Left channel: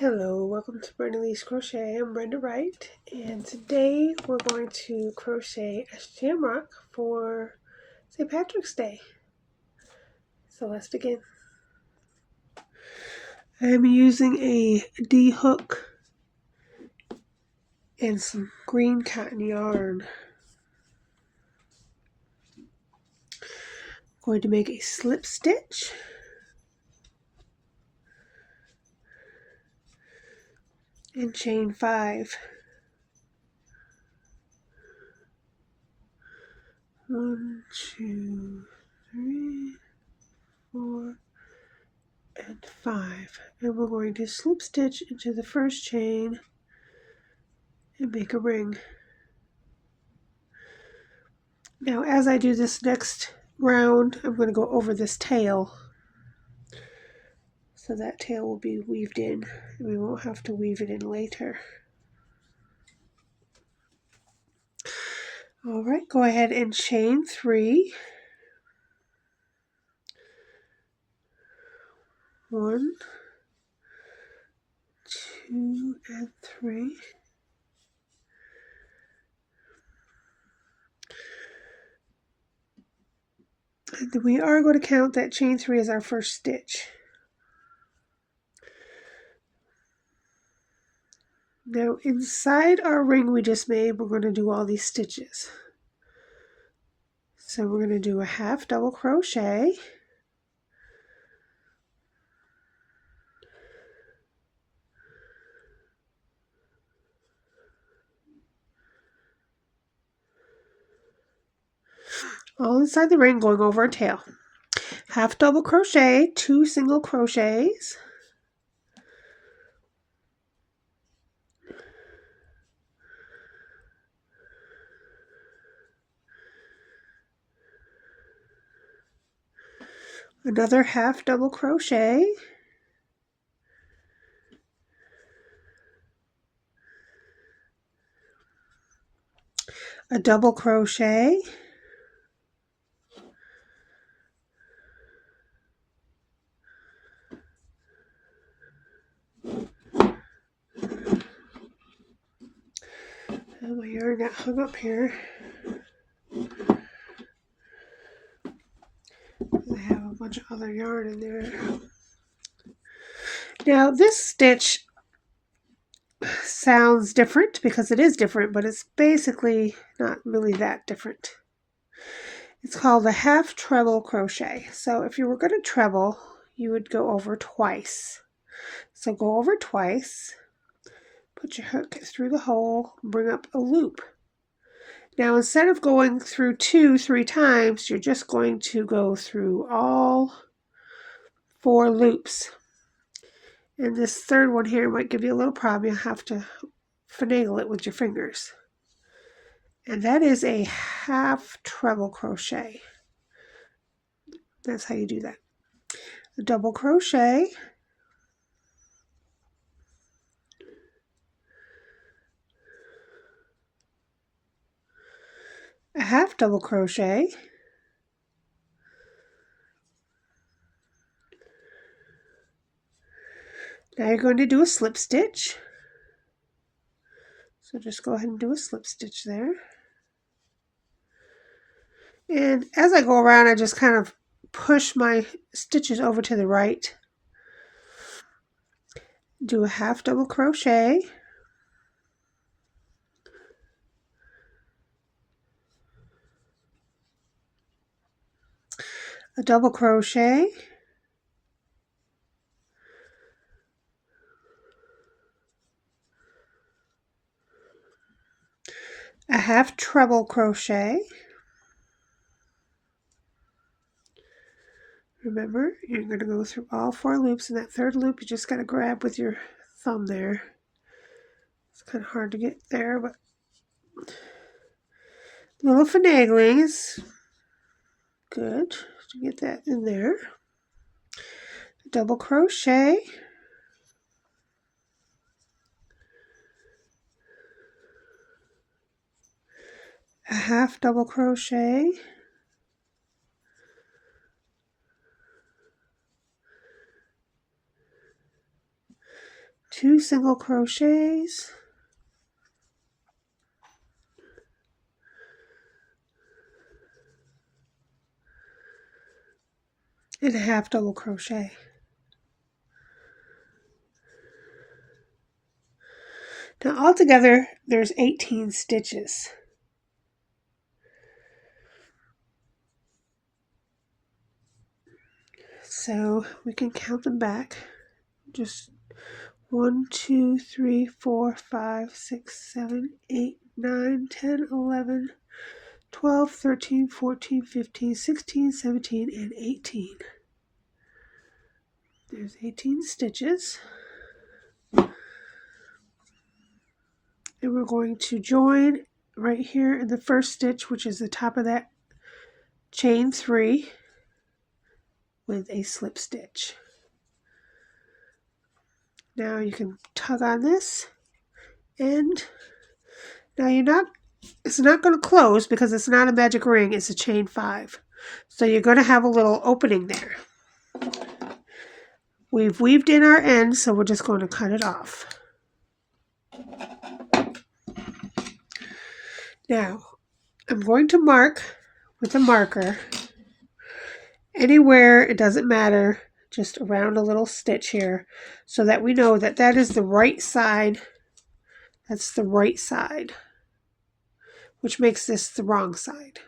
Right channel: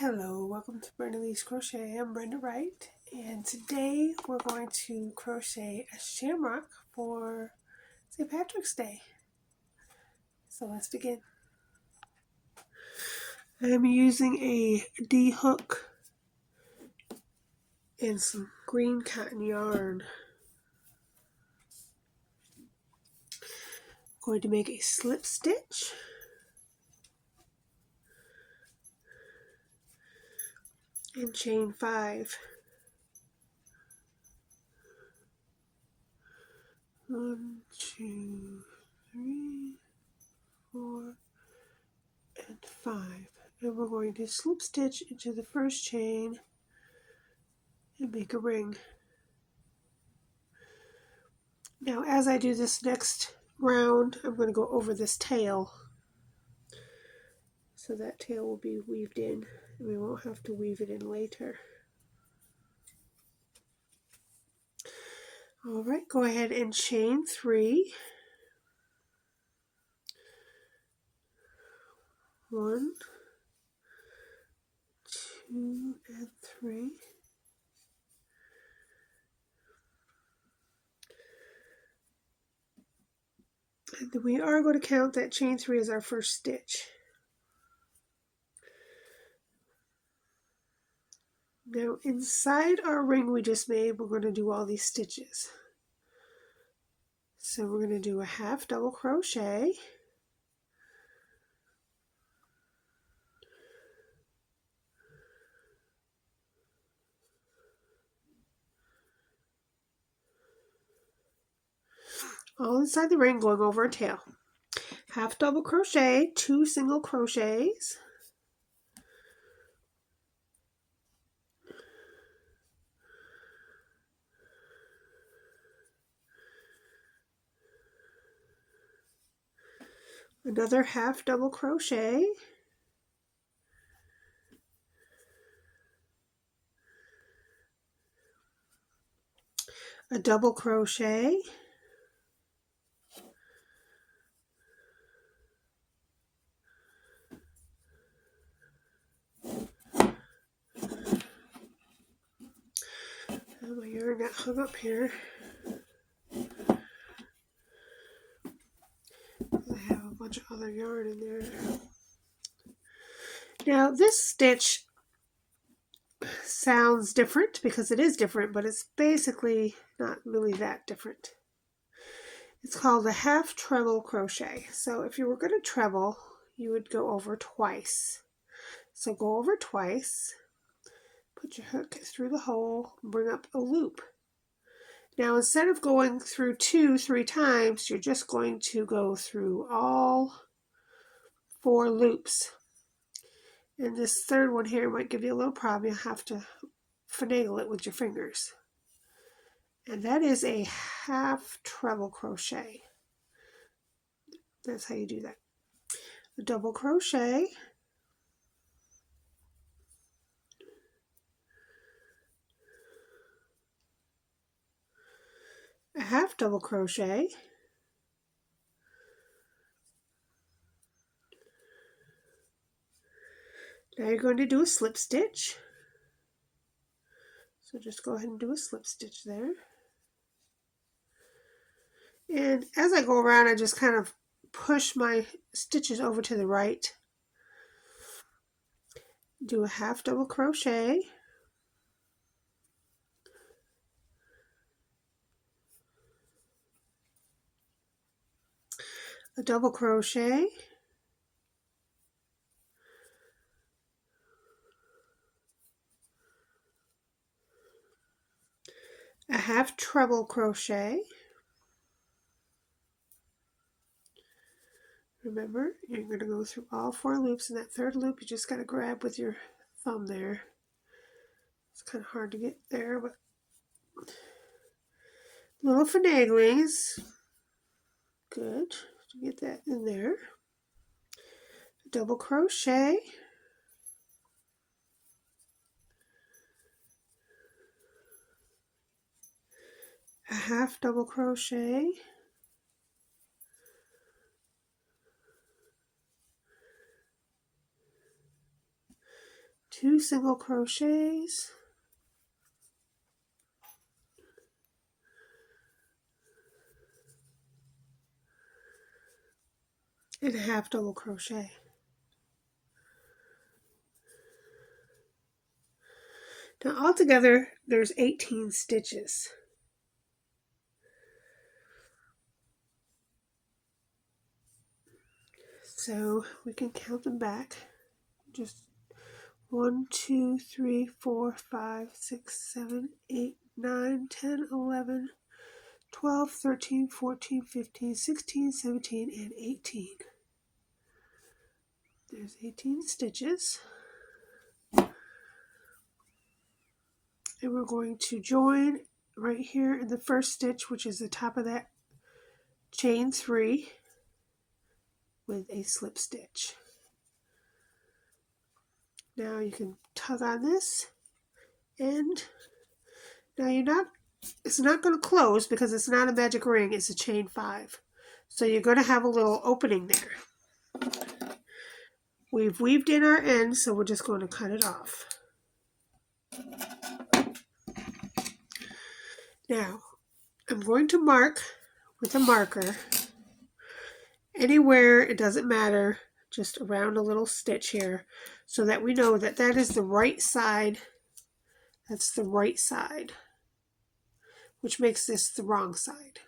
Hello, welcome to Brenda Lee's Crochet. I'm Brenda Wright, and today we're going to crochet a shamrock for St. Patrick's Day. So let's begin. I'm using a D hook and some green cotton yarn. I'm going to make a slip stitch. And chain 5. 1, 2, 3, 4, and 5. And we're going to slip stitch into the first chain and make a ring. Now as I do this next round, I'm going to go over this tail. So that tail will be weaved in, and we won't have to weave it in later. Alright, go ahead and chain 3. 1, 2, and 3. And we are going to count that chain 3 as our first stitch. Now inside our ring we just made, we're going to do all these stitches. So we're going to do a half double crochet, all inside the ring going over a tail. Half double crochet, 2 single crochets, another half double crochet, a double crochet, and my yarn got hung up here. I have a bunch of other yarn in there. Now this stitch sounds different because it is different, but it's basically not really that different. It's called a half treble crochet. So if you were going to treble, you would go over twice. So go over twice, put your hook through the hole, bring up a loop. Now instead of going through 3 times, you're just going to go through all 4 loops. And this third one here might give you a little problem. You'll have to finagle it with your fingers. And that is a half treble crochet. That's how you do that. A double crochet, a half double crochet, now you're going to do a slip stitch. So just go ahead and do a slip stitch there. And as I go around, I just kind of push my stitches over to the right. Do a half double crochet, a double crochet, a half treble crochet. Remember, you're going to go through all 4 loops. In that third loop, you just got to grab with your thumb there. It's kind of hard to get there, but a little finagling is good to get that in there. Double crochet, a half double crochet, 2 single crochets, and a half double crochet. Now altogether there's 18 stitches. So we can count them back. Just 1, 2, 3, 4, 5, 6, 7, 8, 9, 10, 11, 12, 13, 14, 15, 16, 17, and 18. There's 18 stitches. And we're going to join right here in the first stitch, which is the top of that chain 3, with a slip stitch. Now you can tug on this, and now it's not going to close because it's not a magic ring, it's a chain 5. So you're going to have a little opening there. We've weaved in our end, so we're just going to cut it off. Now, I'm going to mark with a marker anywhere, it doesn't matter, just around a little stitch here, so that we know that that is the right side. That's the right side, which makes this the wrong side.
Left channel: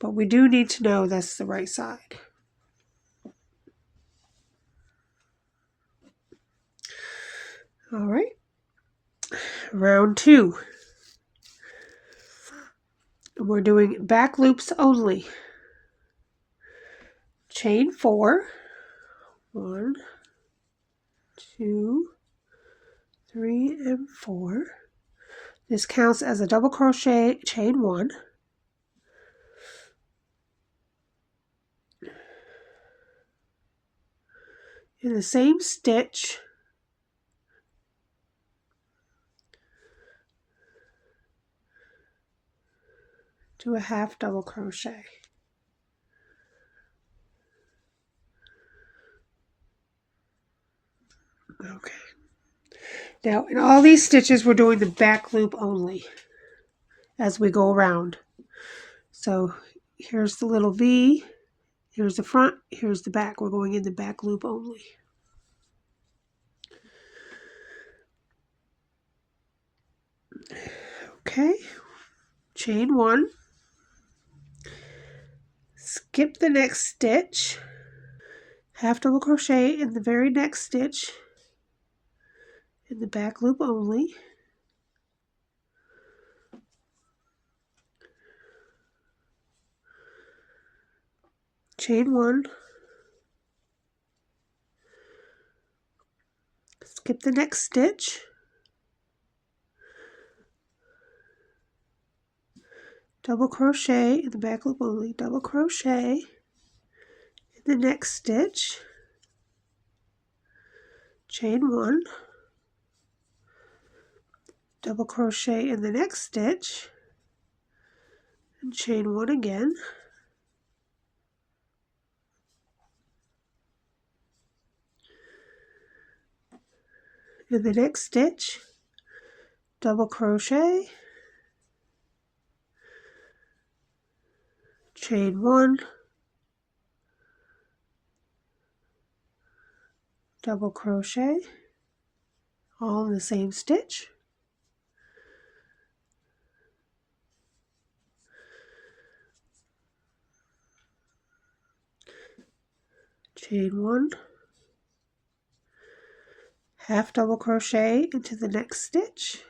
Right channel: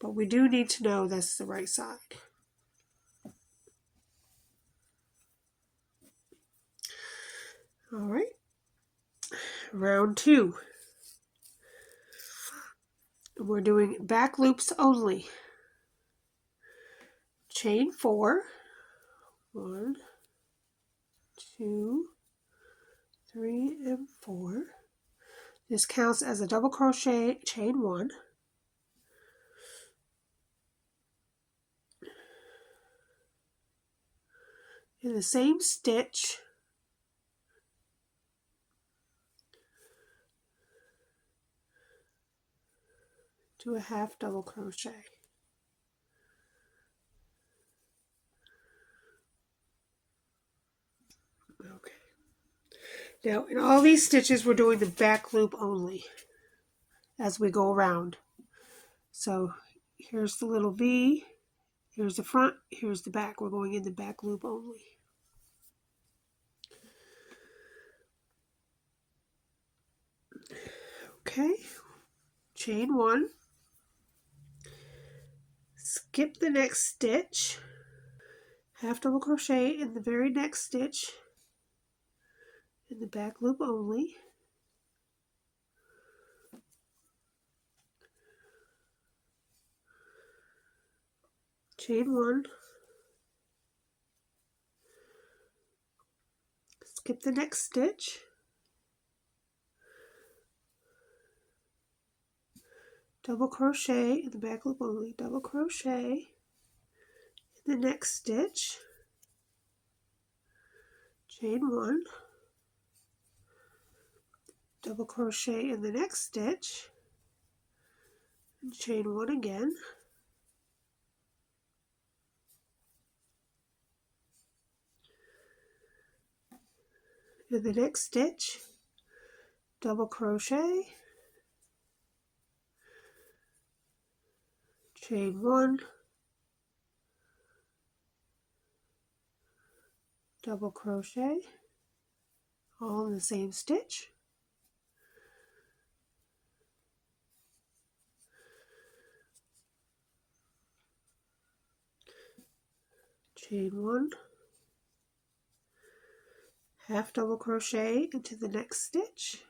But we do need to know that's the right side. All right, round 2. We're doing back loops only. Chain 4, 1, 2, 3, and 4. This counts as a double crochet, chain 1. In the same stitch, do a half double crochet. Okay. Now in all these stitches we're doing the back loop only as we go around. So here's the little V, here's the front, here's the back. We're going in the back loop only. Okay, chain 1, skip the next stitch, half double crochet in the very next stitch in the back loop only. Chain 1, skip the next stitch, double crochet in the back loop only, double crochet in the next stitch, chain 1, double crochet in the next stitch, and chain 1 again. In the next stitch, double crochet, chain 1, double crochet, all in the same stitch. Chain 1, half double crochet into the next stitch,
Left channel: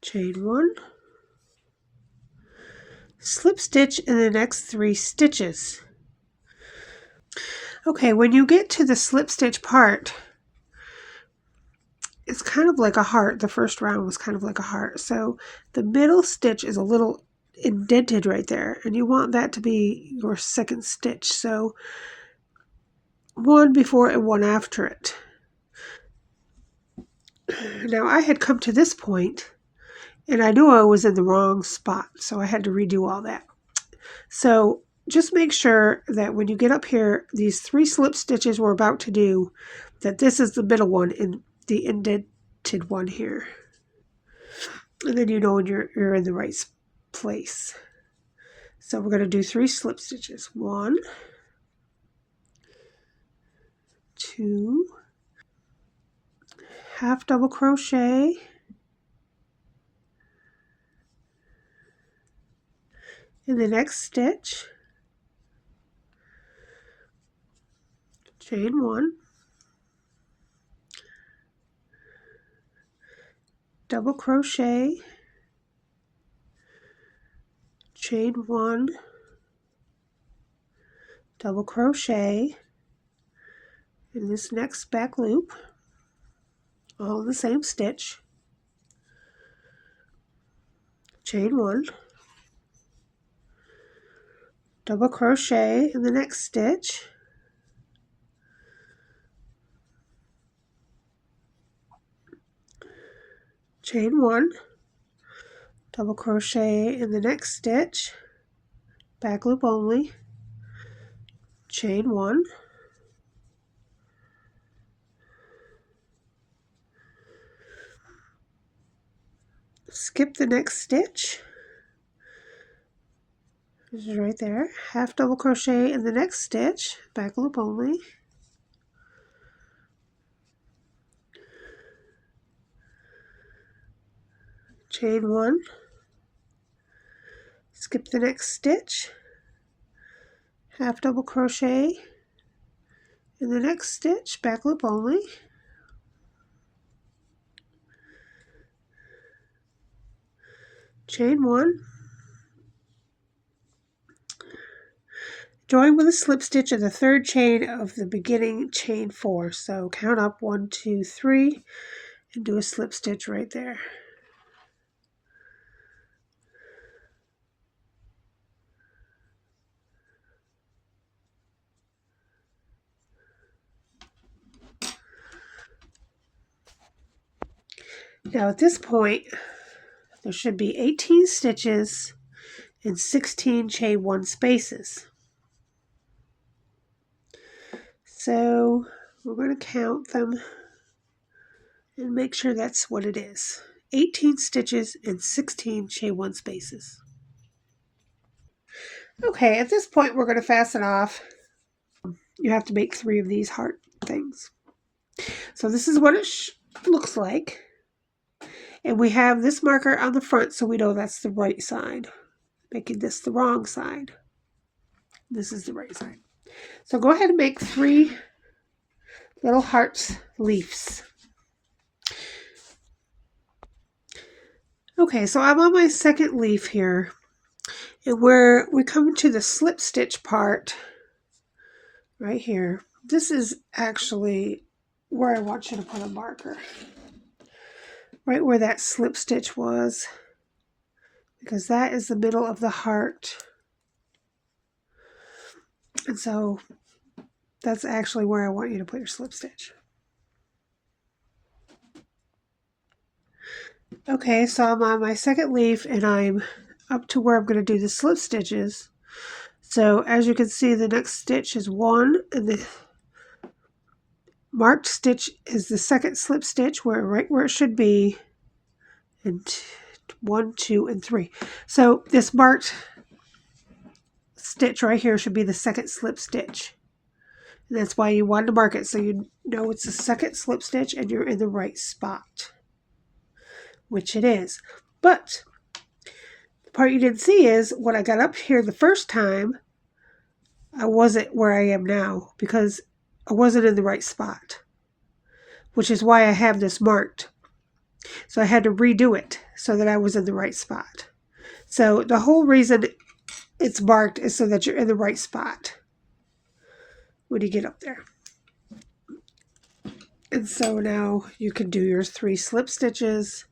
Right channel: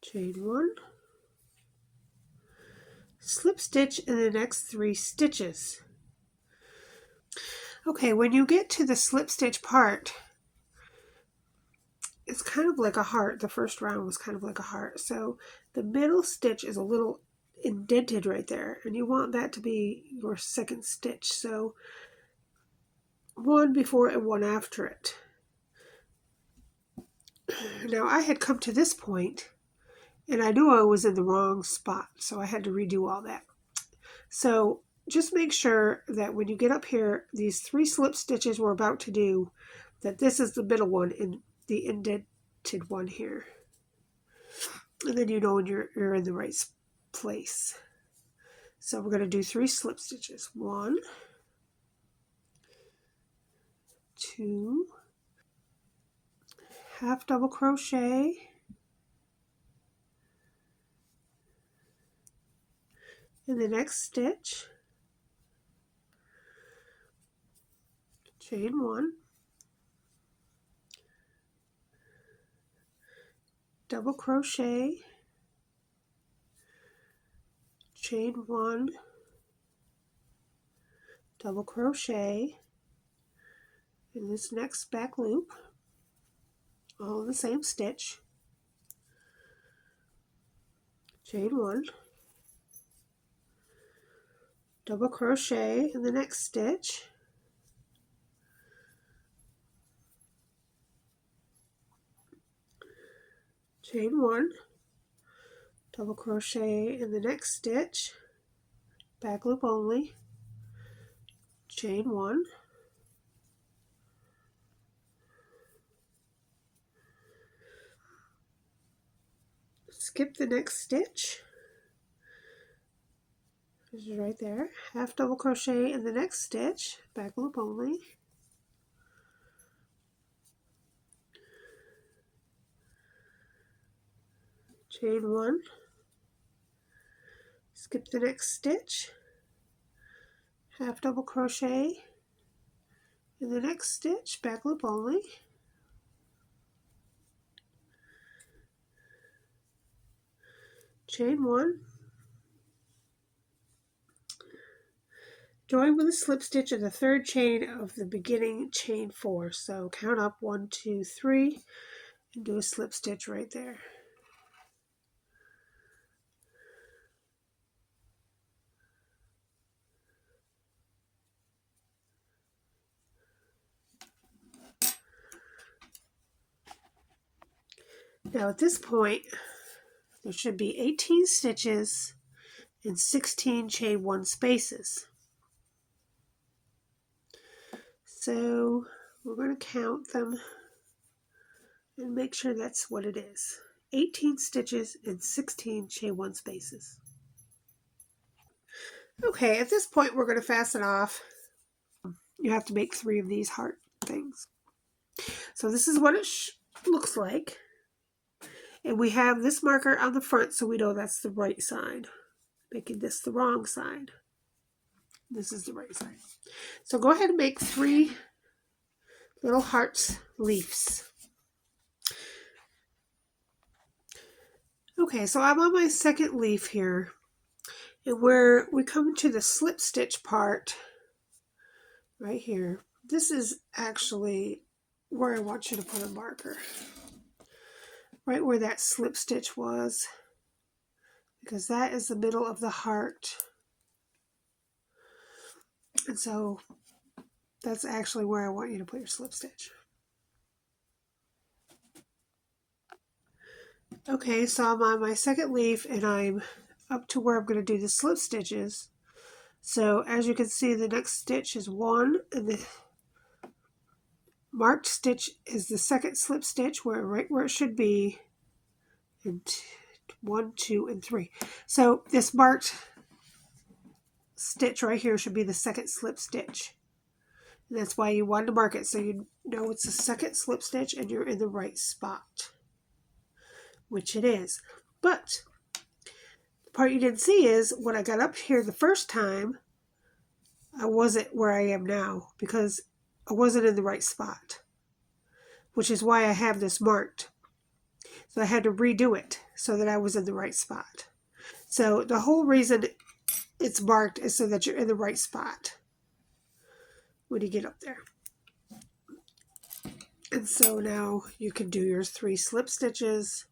chain 1, slip stitch in the next 3 stitches. Okay, when you get to the slip stitch part, it's kind of like a heart. The first round was kind of like a heart. So the middle stitch is a little indented right there, and you want that to be your second stitch. So one before and one after it. Now I had come to this point and I knew I was in the wrong spot, so I had to redo all that. So just make sure that when you get up here, these 3 slip stitches we're about to do, that this is the middle one and the indented one here. And then you know when you're in the right place. So we're going to do 3 slip stitches. 1, 2, half double crochet, in the next stitch, chain 1, double crochet, chain 1, double crochet in this next back loop, all in the same stitch, chain 1, double crochet in the next stitch, chain 1, double crochet in the next stitch, back loop only, chain 1, skip the next stitch, this is right there, half double crochet in the next stitch, back loop only, chain 1, skip the next stitch, half double crochet in the next stitch, back loop only, chain 1, join with a slip stitch in the 3rd chain of the beginning chain 4. So count up 1, 2, 3 and do a slip stitch right there. Now at this point there should be 18 stitches and 16 chain 1 spaces. So we're going to count them and make sure that's what it is. 18 stitches and 16 chain 1 spaces. Okay, at this point we're going to fasten off. You have to make 3 of these heart things. So this is what it looks like. And we have this marker on the front so we know that's the right side. Making this the wrong side. This is the right side. So go ahead and make 3 little hearts leaves. Okay, so I'm on my 2nd leaf here. And where we come to the slip stitch part, right here, this is actually where I want you to put a marker. Right where that slip stitch was, because that is the middle of the heart. And so that's actually where I want you to put your slip stitch. Okay, so I'm on my 2nd leaf and I'm up to where I'm going to do the slip stitches. So as you can see, the next stitch is 1 and the marked stitch is the 2nd slip stitch right where it should be, and 1, 2, and 3. So this marked stitch right here should be the 2nd slip stitch. And that's why you wanted to mark it so you know it's the 2nd slip stitch and you're in the right spot, which it is. But the part you didn't see is when I got up here the first time, I wasn't where I am now because I wasn't in the right spot, which is why I have this marked. So I had to redo it so that I was in the right spot. So the whole reason it's marked is so that you're in the right spot when you get up there. And so now you can do your 3 slip stitches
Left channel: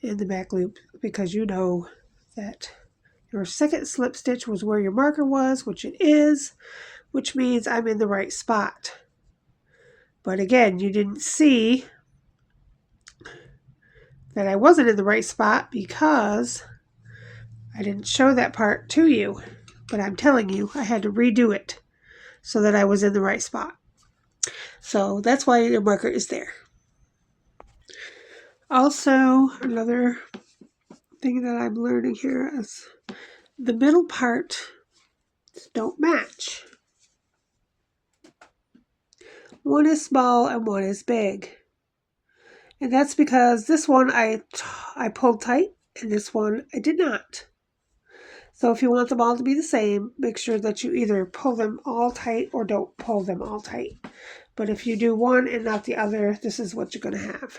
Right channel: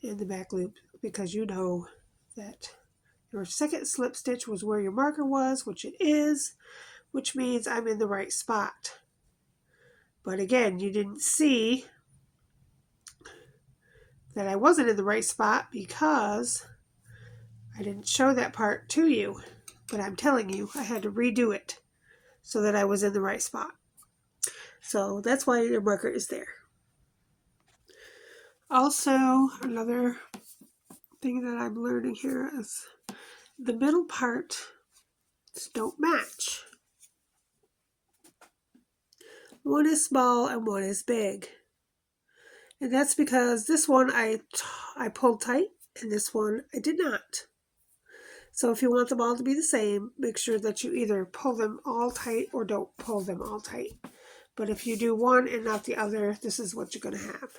in the back loop because you know that your 2nd slip stitch was where your marker was, which it is, which means I'm in the right spot. But again, you didn't see that I wasn't in the right spot because I didn't show that part to you. but I'm telling you, I had to redo it so that I was in the right spot. So that's why your marker is there. Also, another thing that I'm learning here is the middle parts don't match. One is small and one is big. And that's because this one I pulled tight and this one I did not. So if you want them all to be the same, make sure that you either pull them all tight or don't pull them all tight. But if you do one and not the other, this is what you're going to have.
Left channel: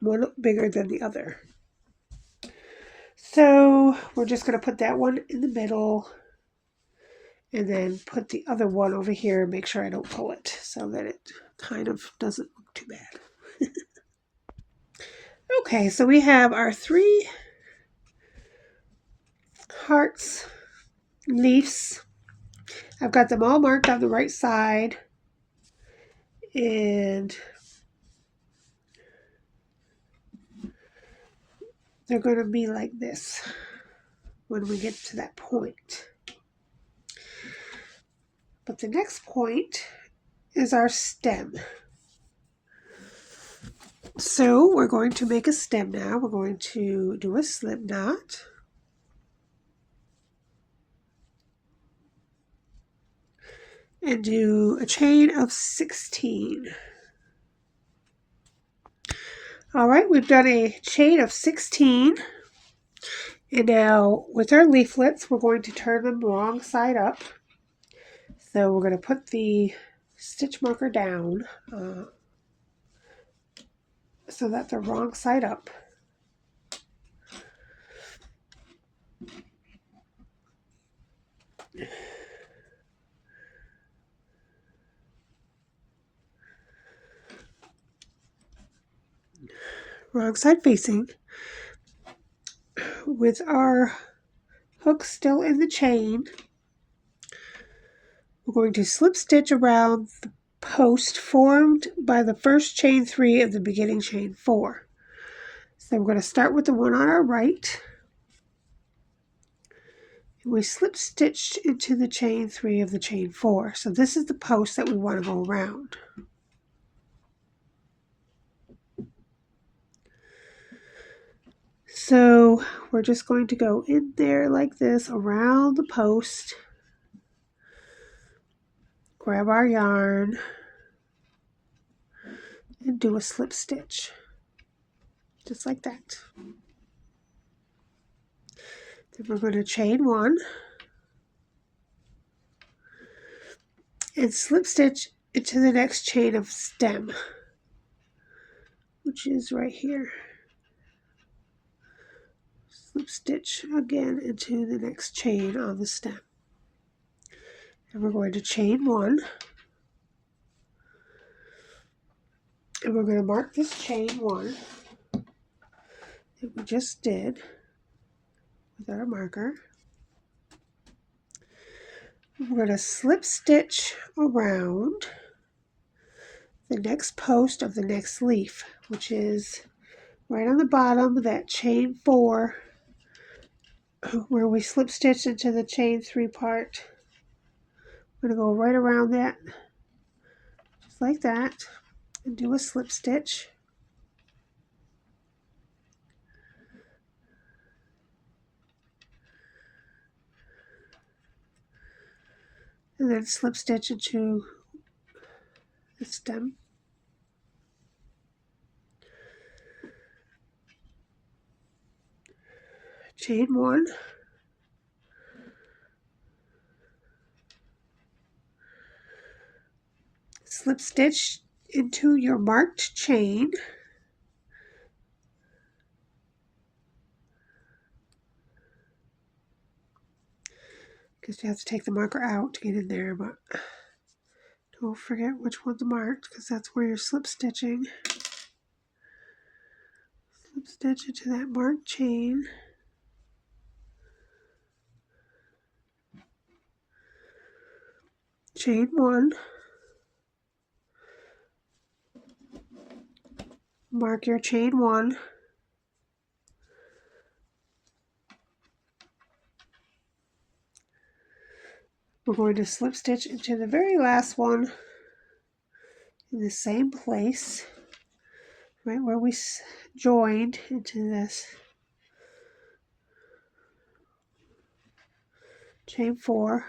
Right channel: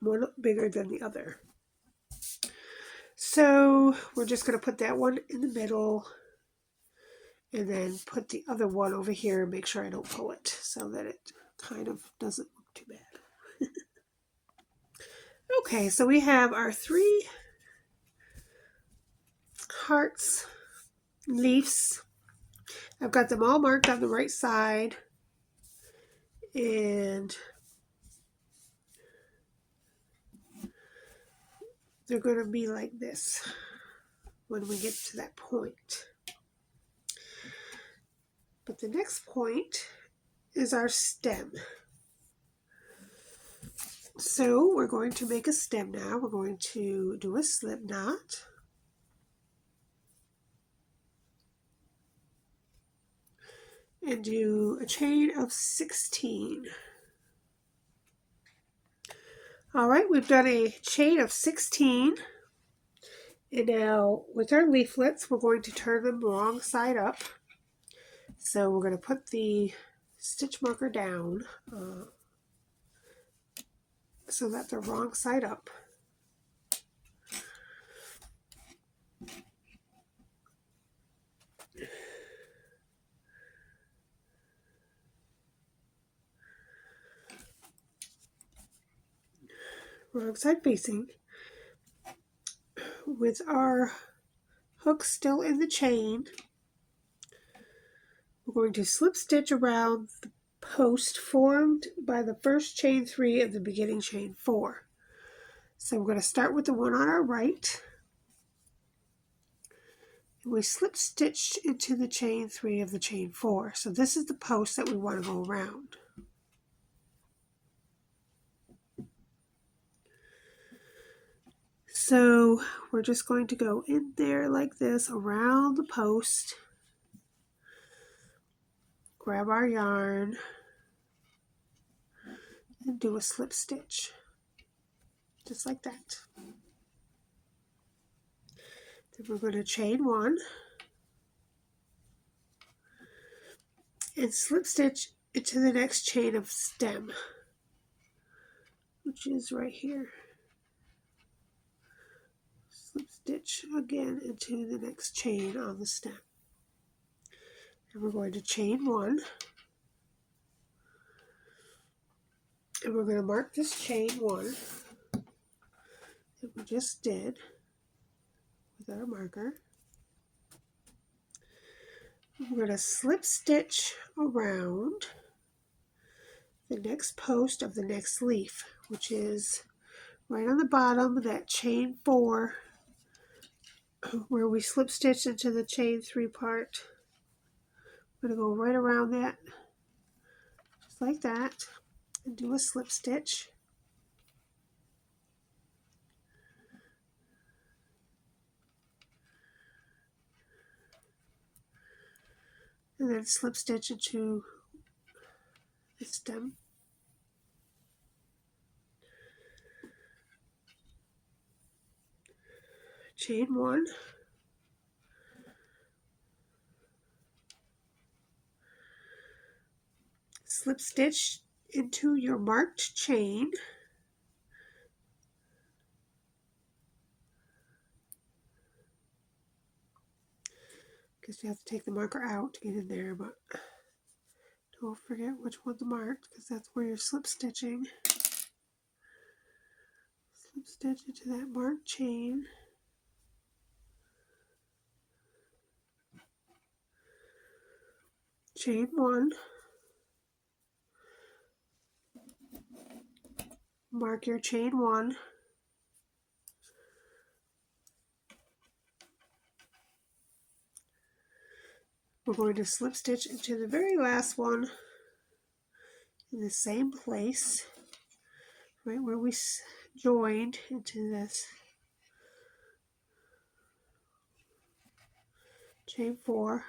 One bigger than the other. So we're just going to put that one in the middle and then put the other one over here and make sure I don't pull it so that it kind of doesn't look too bad. Okay, so we have our 3 hearts, leaves. I've got them all marked on the right side, and they're going to be like this when we get to that point. But the next point is our stem. So we're going to make a stem now. We're going to do a slip knot. And do a chain of 16. All right, we've done a chain of 16. And now with our leaflets, we're going to turn them wrong side up. So we're going to put the stitch marker down so that they're wrong side up. Wrong side facing. With our hook still in the chain, we're going to slip stitch around the post formed by the first chain 3 of the beginning chain 4. So we're going to start with the one on our right. And we slip stitch into the chain 3 of the chain 4. So this is the post that we want to go around. So we're just going to go in there like this around the post. Grab our yarn and do a slip stitch. Just like that. Then we're going to chain 1 and slip stitch into the next chain of stem, which is right here. Slip stitch again into the next chain on the stem. And we're going to chain 1. And we're going to mark this chain 1 that we just did with our marker. We're going to slip stitch around the next post of the next leaf, which is right on the bottom of that chain 4 where we slip stitch into the chain 3 part. I'm going to go right around that, just like that, and do a slip stitch. And then slip stitch into the stem. Chain 1. Slip stitch into your marked chain. Because you have to take the marker out to get in there, but don't forget which one's marked because that's where you're slip stitching. Slip stitch into that marked chain. Chain 1. Mark your chain 1. we're going to slip stitch into the very last one in the same place, right where we joined into this chain 4.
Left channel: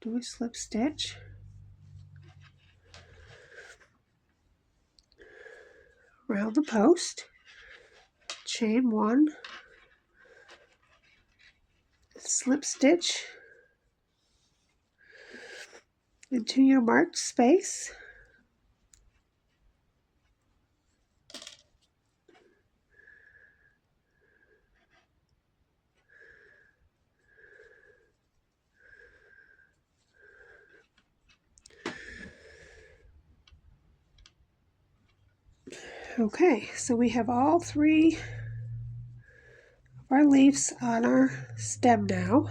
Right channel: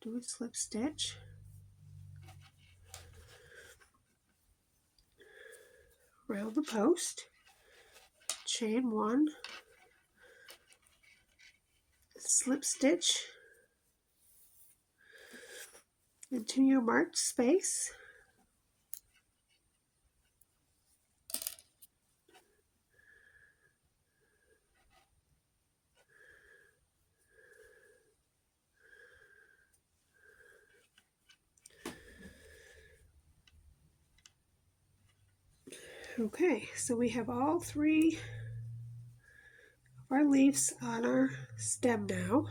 Do a slip stitch, around the post, chain 1, slip stitch into your marked space, okay, so we have all 3 of our leaves on our stem now.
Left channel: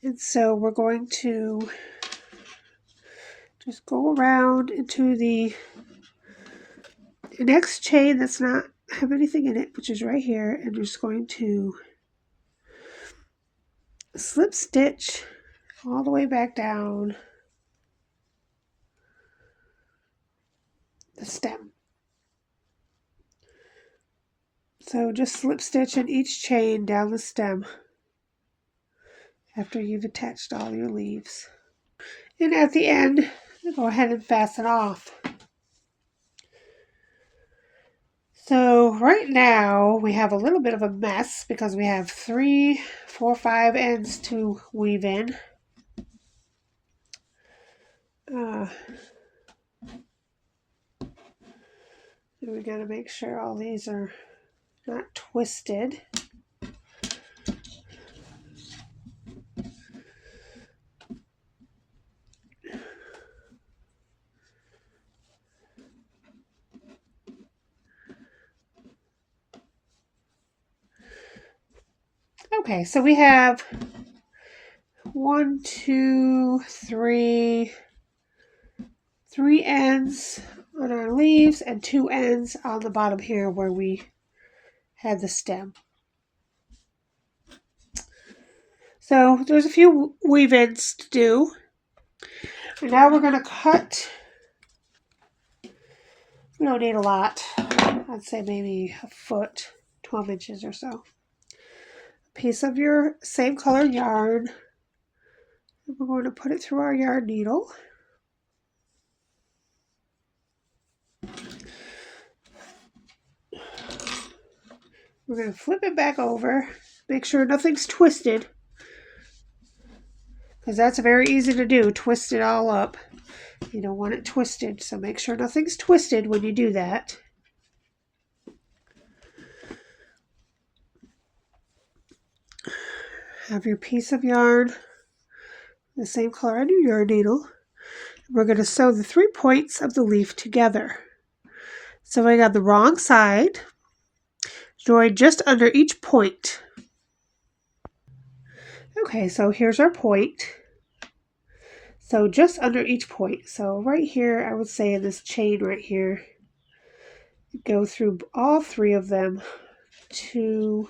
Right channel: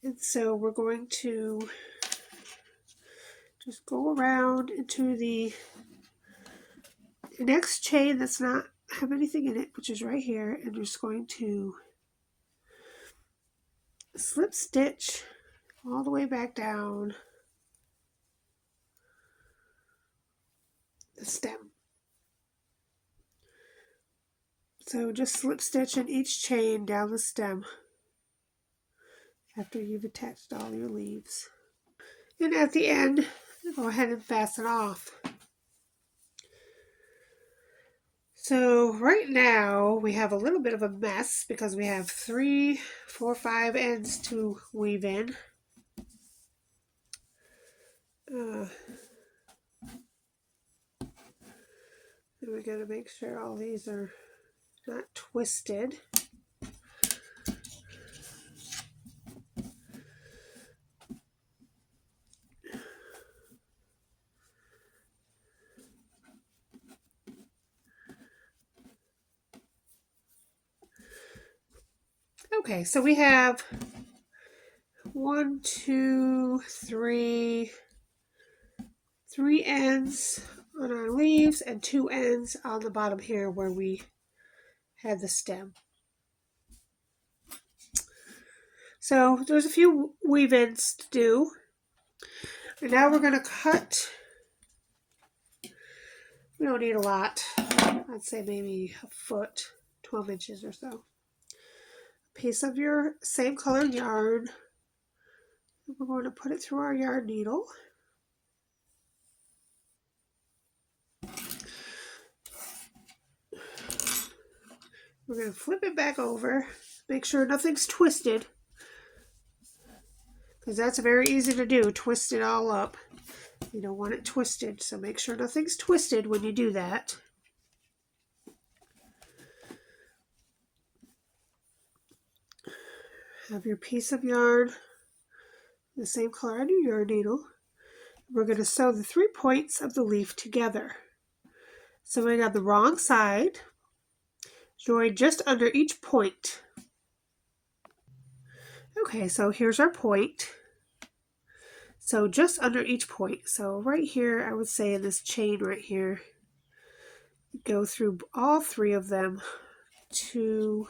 And so we're going to just go around into the next chain that's not have anything in it, which is right here, and we're just going to slip stitch all the way back down the stem. So just slip stitch in each chain down the stem after you've attached all your leaves. And at the end, go ahead and fasten off. So right now we have a little bit of a mess because we have 3, 4, 5 ends to weave in. We got to make sure all these are not twisted. Okay, so we have 1, 2, 3 ends on our leaves and 2 ends on the bottom here where we had the stem. So there's a few weave ins to do. And now we're going to cut. We don't need a lot. I'd say maybe a foot, 12 inches or so. A piece of your same color yarn. And we're going to put it through our yarn needle. We're going to flip it back over. Make sure nothing's twisted, because that's very easy to do, twist it all up. You don't want it twisted, so make sure nothing's twisted when you do that. Have your piece of yarn, the same color on your yarn needle. We're going to sew the 3 points of the leaf together. Sewing on the wrong side, join just under each point. Okay, so here's our point. So just under each point. So right here, I would say in this chain right here, go through all 3 of them, 2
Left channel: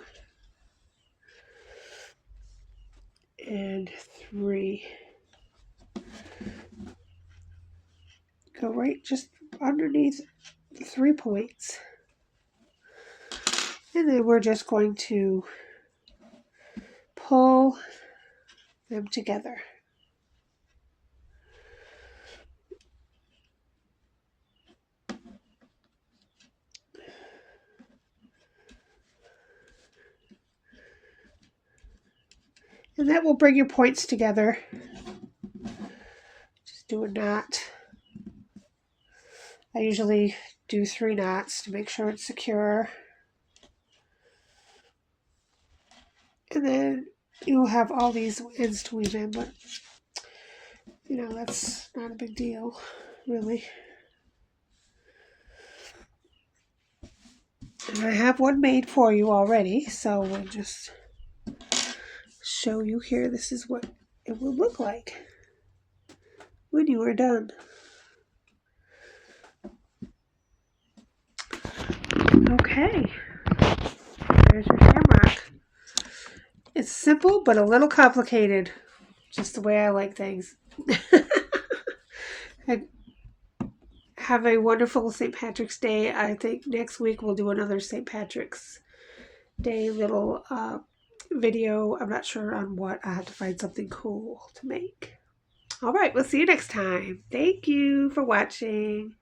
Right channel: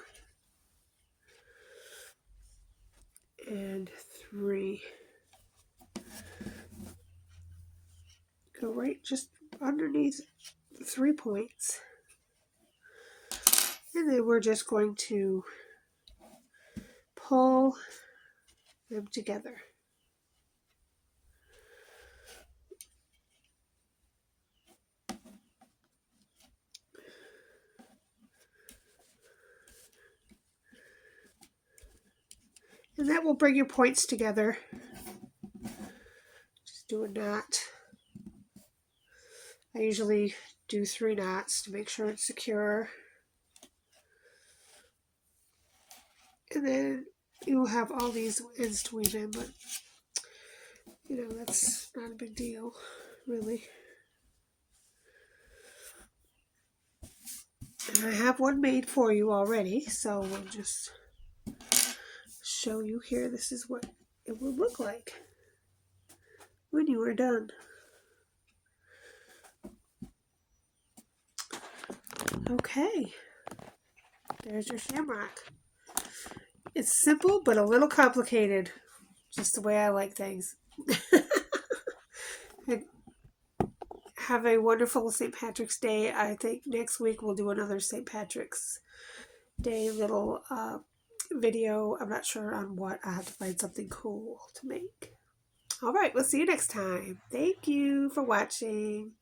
and 3. Go right just underneath the 3 points. And then we're just going to pull them together. And that will bring your points together. Just do a knot. I usually do 3 knots to make sure it's secure. And then you'll have all these ends to weave in, but you know, that's not a big deal, really. And I have one made for you already, so we'll just show you here. This is what it will look like when you are done. Okay. Okay, there's your shamrock. It's simple but a little complicated, just the way I like things. Have a wonderful St. Patrick's Day. I think next week we'll do another St. Patrick's Day little video. I'm not sure on what. I have to find something cool to make. All right, we'll see you next time. Thank you for watching.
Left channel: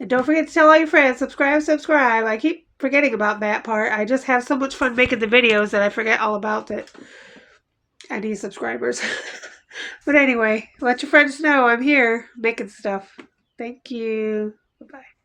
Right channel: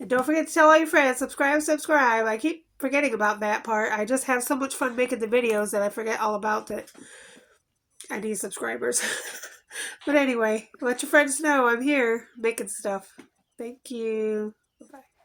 And don't forget to tell all your friends, subscribe. I keep forgetting about that part. I just have so much fun making the videos that I forget all about it. I need subscribers. But anyway, let your friends know I'm here making stuff. Thank you. Bye-bye.